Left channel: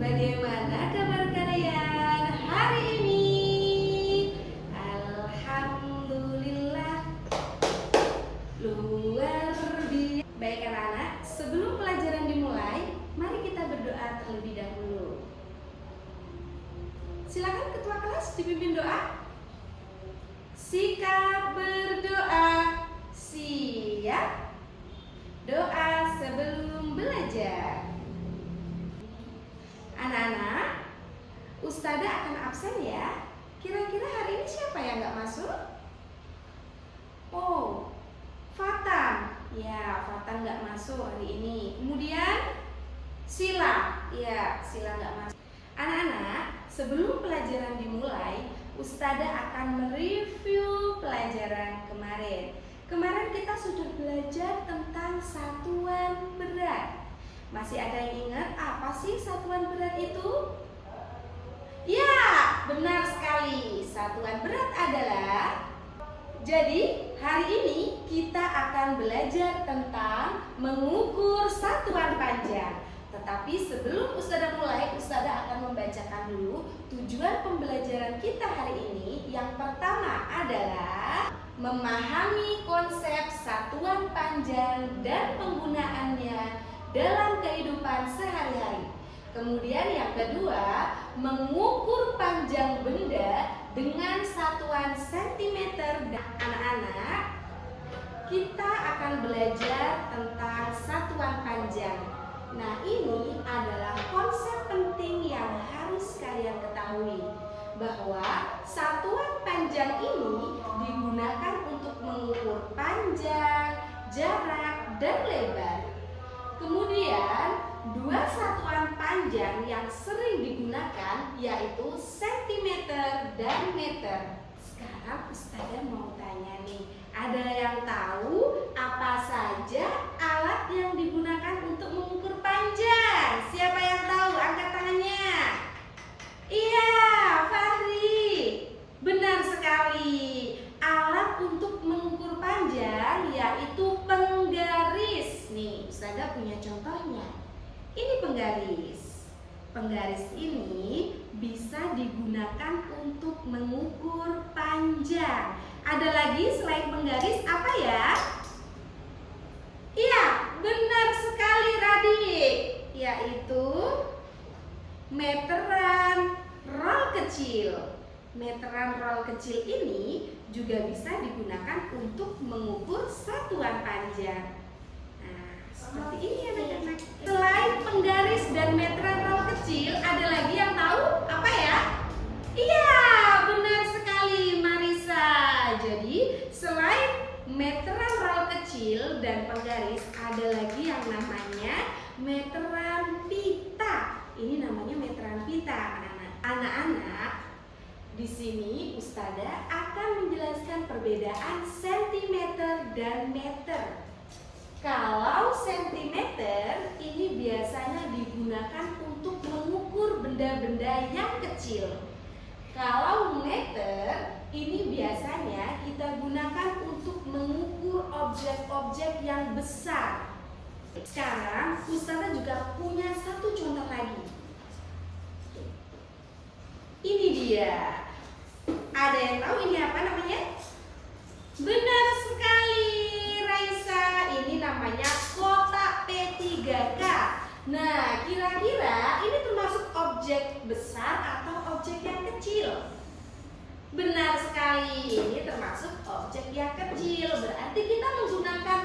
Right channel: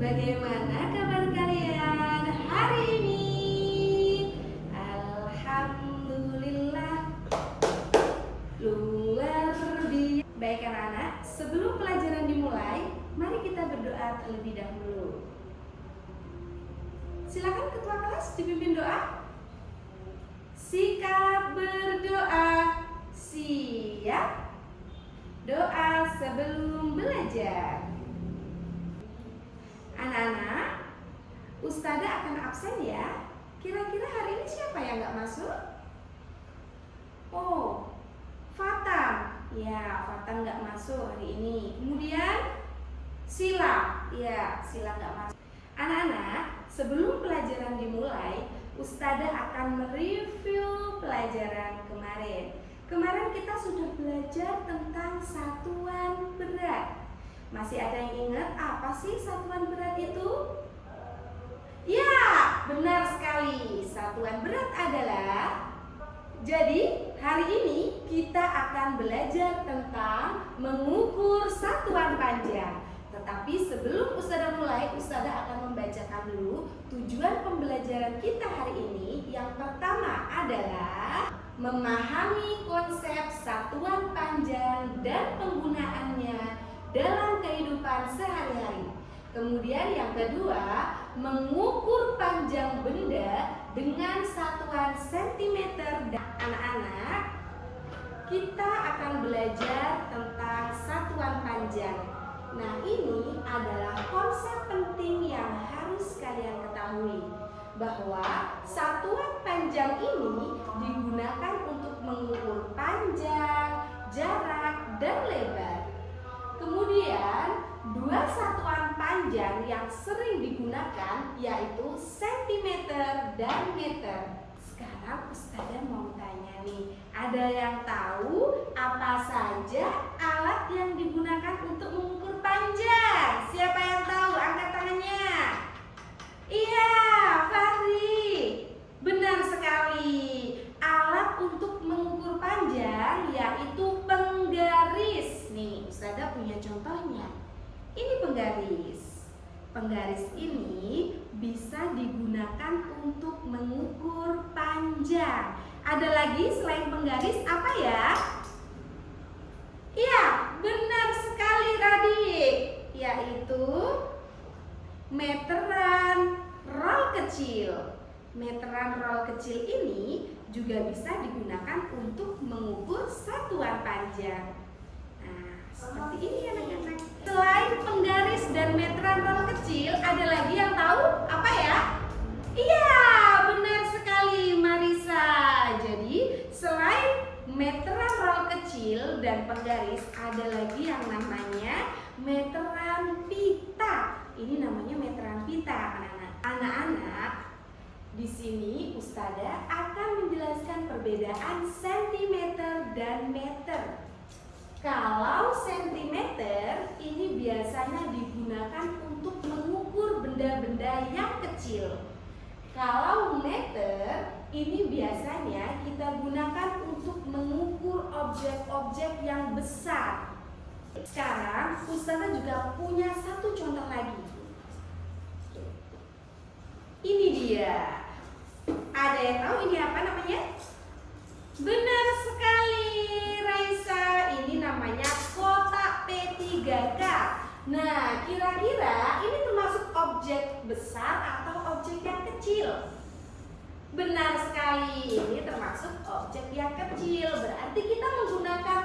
Bagaimana kabar kalian hari ini? Alhamdulillah, luar biasa. Baik anak-anak, sebelum pelajaran dimulai, mari kita berdoa terlebih dahulu. Silakan ketua kelas dipimpin doa. Sikap berdoa. Siap. Doa sebelum belajar. Anak-anak, Ustazah akan absen ya. Kira-kira hari ini siapa yang nggak masuk? Oh, Fatan. Ya, Fatan nggak masuk hari ini. Kemudian Sila. Ya, Sila nggak masuk. Anak-anak, sebelum pelajaran dimulai, Ustazah akan mereview pelajaran kemarin. Kemarin kita sudah belajar tentang satuan berat. Masih ada yang ingat apa sih satuan berat itu? Ya, benar sekali. Satuan berat adalah. Jadi, hari ini kita akan belajar tentang mengukur satuan panjang. Tetapi sebelum Ustazah mulai, Ustazah akan membacakan dulu tujuan pembelajaran kita hari ini. Yang pertama adalah memahami konsep satuan panjang dan penggunaannya dalam kehidupan sehari-hari. Kemudian yang kedua, mengukur panjang benda dengan satuan sentimeter. Dan anak-anak, kita akan belajar tentang satuan panjang. Nah, ini adalah konsep penting yang harus kalian ketahui, bahwa satuan panjang ini digunakan untuk mengukur panjang, jarak, dan lebar. Kemudian, dua satuan panjang yang sering digunakan yaitu sentimeter dan meter. Sekarang Ustazah mau tanya nih, ada yang tahu apa saja alat yang digunakan untuk mengukur panjang? Siapa yang tahu? Angkat tangannya. Iya, Fahri. Benar sekali. Alat untuk mengukur panjang yaitu penggaris. Nih, Ustazah punya contohnya. Ini penggaris. Penggaris ini bisa digunakan untuk mengukur panjang. Ada lagi selain penggaris apa ya? Iya, benar sekali Radik. Yaitu meteran roll kecil. Meteran roll kecil ini juga bisa digunakan untuk mengukur satuan panjang. Nah, seperti ini anak-anak. Selain penggaris dan meteran roll kecil, ada lagi yang tahu apa ya? Iya, benar sekali Marisa. Jadi, selain meteran roll kecil dan penggaris, ada lagi yang namanya meteran pita. Ini namanya meteran pita, anak-anak. Anak-anak, di sini Ustazah akan menjelaskan perbedaan sentimeter dan meter. Kalau sentimeter ini biasanya digunakan untuk mengukur benda-benda yang kecil. Kalau meter ini biasanya kita gunakan untuk mengukur objek-objek yang besar. Sekarang Ustazah juga punya satu contoh lagi. Ini dia. Ada yang tahu ini apa namanya? Benar sekali Raisa. Ini namanya kotak P3K. Nah, kira-kira ini termasuk objek besar atau objek yang kecil? Benar sekali, ini termasuk objek yang kecil. Berarti kita menggunakan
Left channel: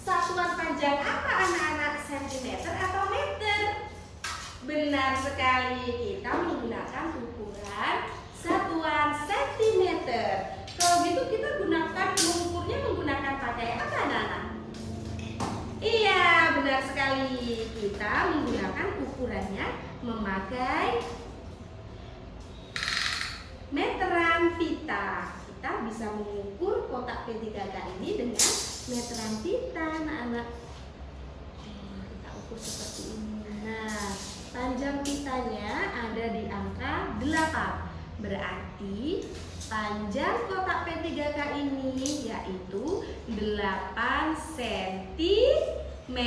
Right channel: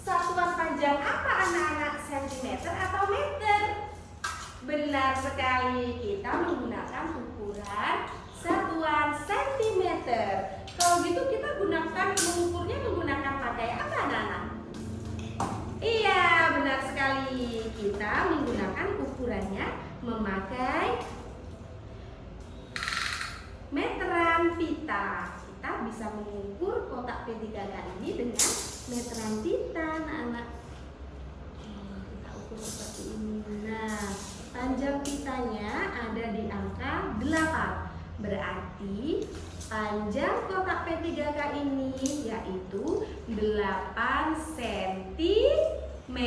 satuan panjang apa anak-anak? Sentimeter atau meter? Benar sekali, kita menggunakan ukuran satuan sentimeter. Kalau gitu kita mengukurnya menggunakan pakai apa anak-anak? Iya, benar sekali. Kita menggunakan ukurannya memakai meteran pita. Kita bisa mengukur kotak P3K ini dengan meteran pita, anak-anak. Kita ukur seperti ini. Nah, panjang pitanya ada di angka 8. Berarti panjang kotak P3K ini yaitu 8 cm.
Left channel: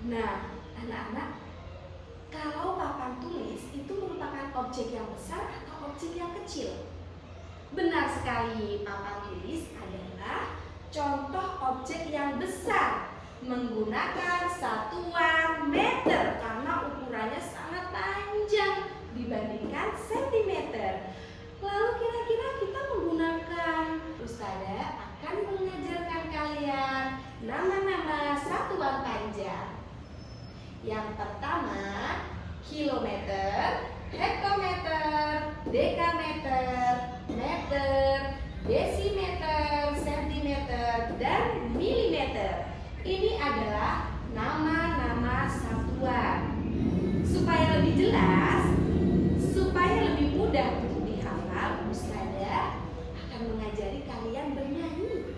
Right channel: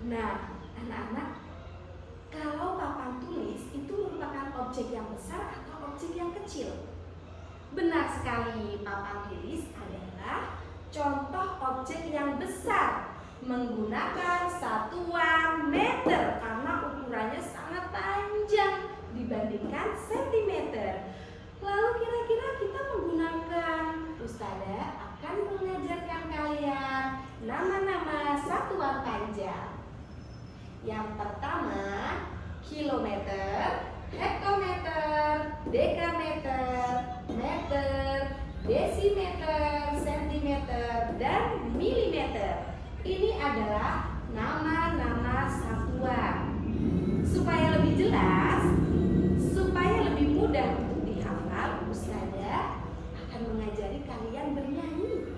Nah, anak-anak, kalau papan tulis itu merupakan objek yang besar atau objek yang kecil? Benar sekali, papan tulis adalah contoh objek yang besar menggunakan satuan meter karena ukurannya sangat panjang dibandingkan sentimeter. Lalu kira-kira kita menggunakan, Ustazah akan mengajarkan kalian nama-nama satuan panjang. Yang pertama, kilometer, hektometer, dekameter, meter, desimeter, sentimeter, dan milimeter. Ini adalah nama-nama satuan. Supaya lebih jelas, supaya lebih mudah untuk dihafal, Ustazah akan mengajari kalian bernyanyi.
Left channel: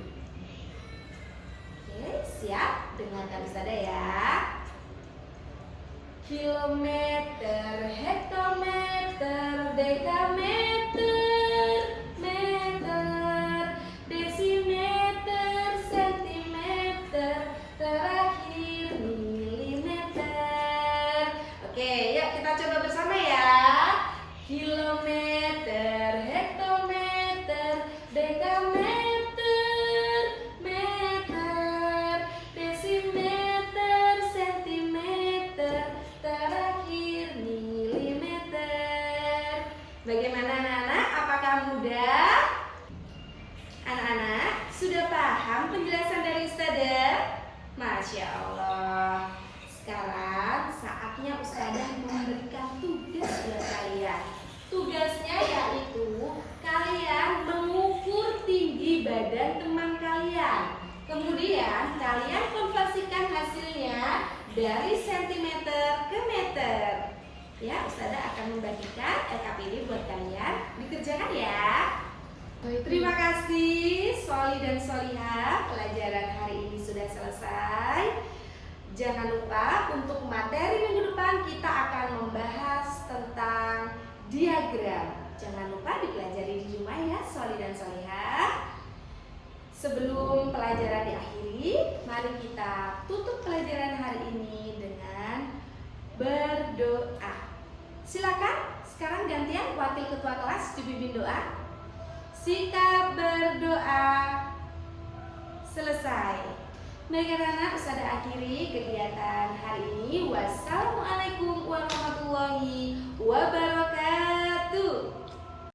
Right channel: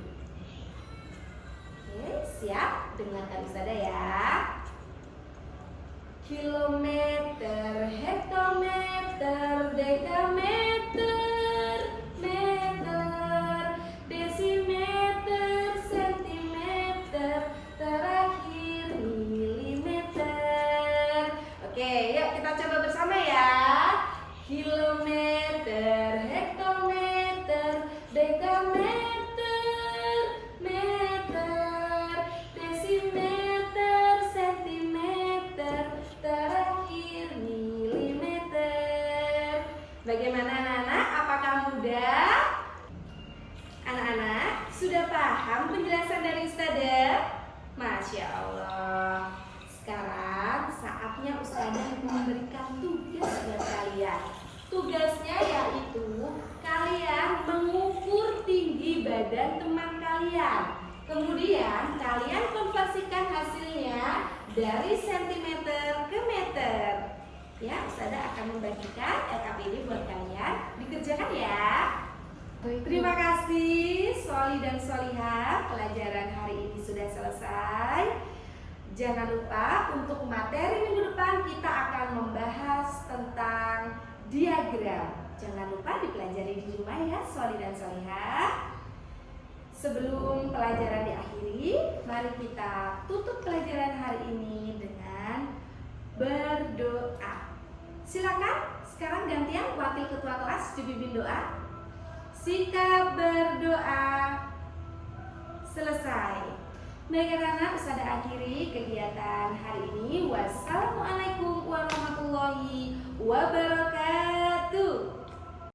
Oke, siap? Dengarkan Ustazah ya. Kilometer, hektometer, dekameter, meter, desimeter, sentimeter, terakhir milimeter. Oke, yuk kita coba bersama ya. Kilometer, hektometer, dekameter, meter, desimeter, sentimeter, terakhir milimeter. Bagaimana anak-anak? Apakah mudah? Anak-anak sudah paham penjelasan dari Ustazah? Masya Allah. Sekarang saatnya Ustazah memberikan tugas buat kalian. Tugasnya yaitu kalian mengukur tinggi badan teman kalian. Kemudian kalian konversikan hasilnya dari sentimeter ke meter. Ya, Ustazah akan membagikan LKPD buat kalian. Dikerjakan ya. Terima kasih Soli dan Solihah. Pelajaran hari ini sudah selesai. Jangan lupa untuk materi minggu depan kita akan membahas tentang diagram. Jangan lupa dipelajari di rumah ya Soli dan Solihah. Sebelum pelajaran diakhiri, mari kita tutup pelajaran hari ini dengan berdoa. Silakan sekarang gantian wakil ketua kelas dipimpin doa. Sikap berdoa selesai. Baik anak-anak, Ustazah akhiri kegiatan hari ini. Wassalamualaikum warahmatullahi wabarakatuh.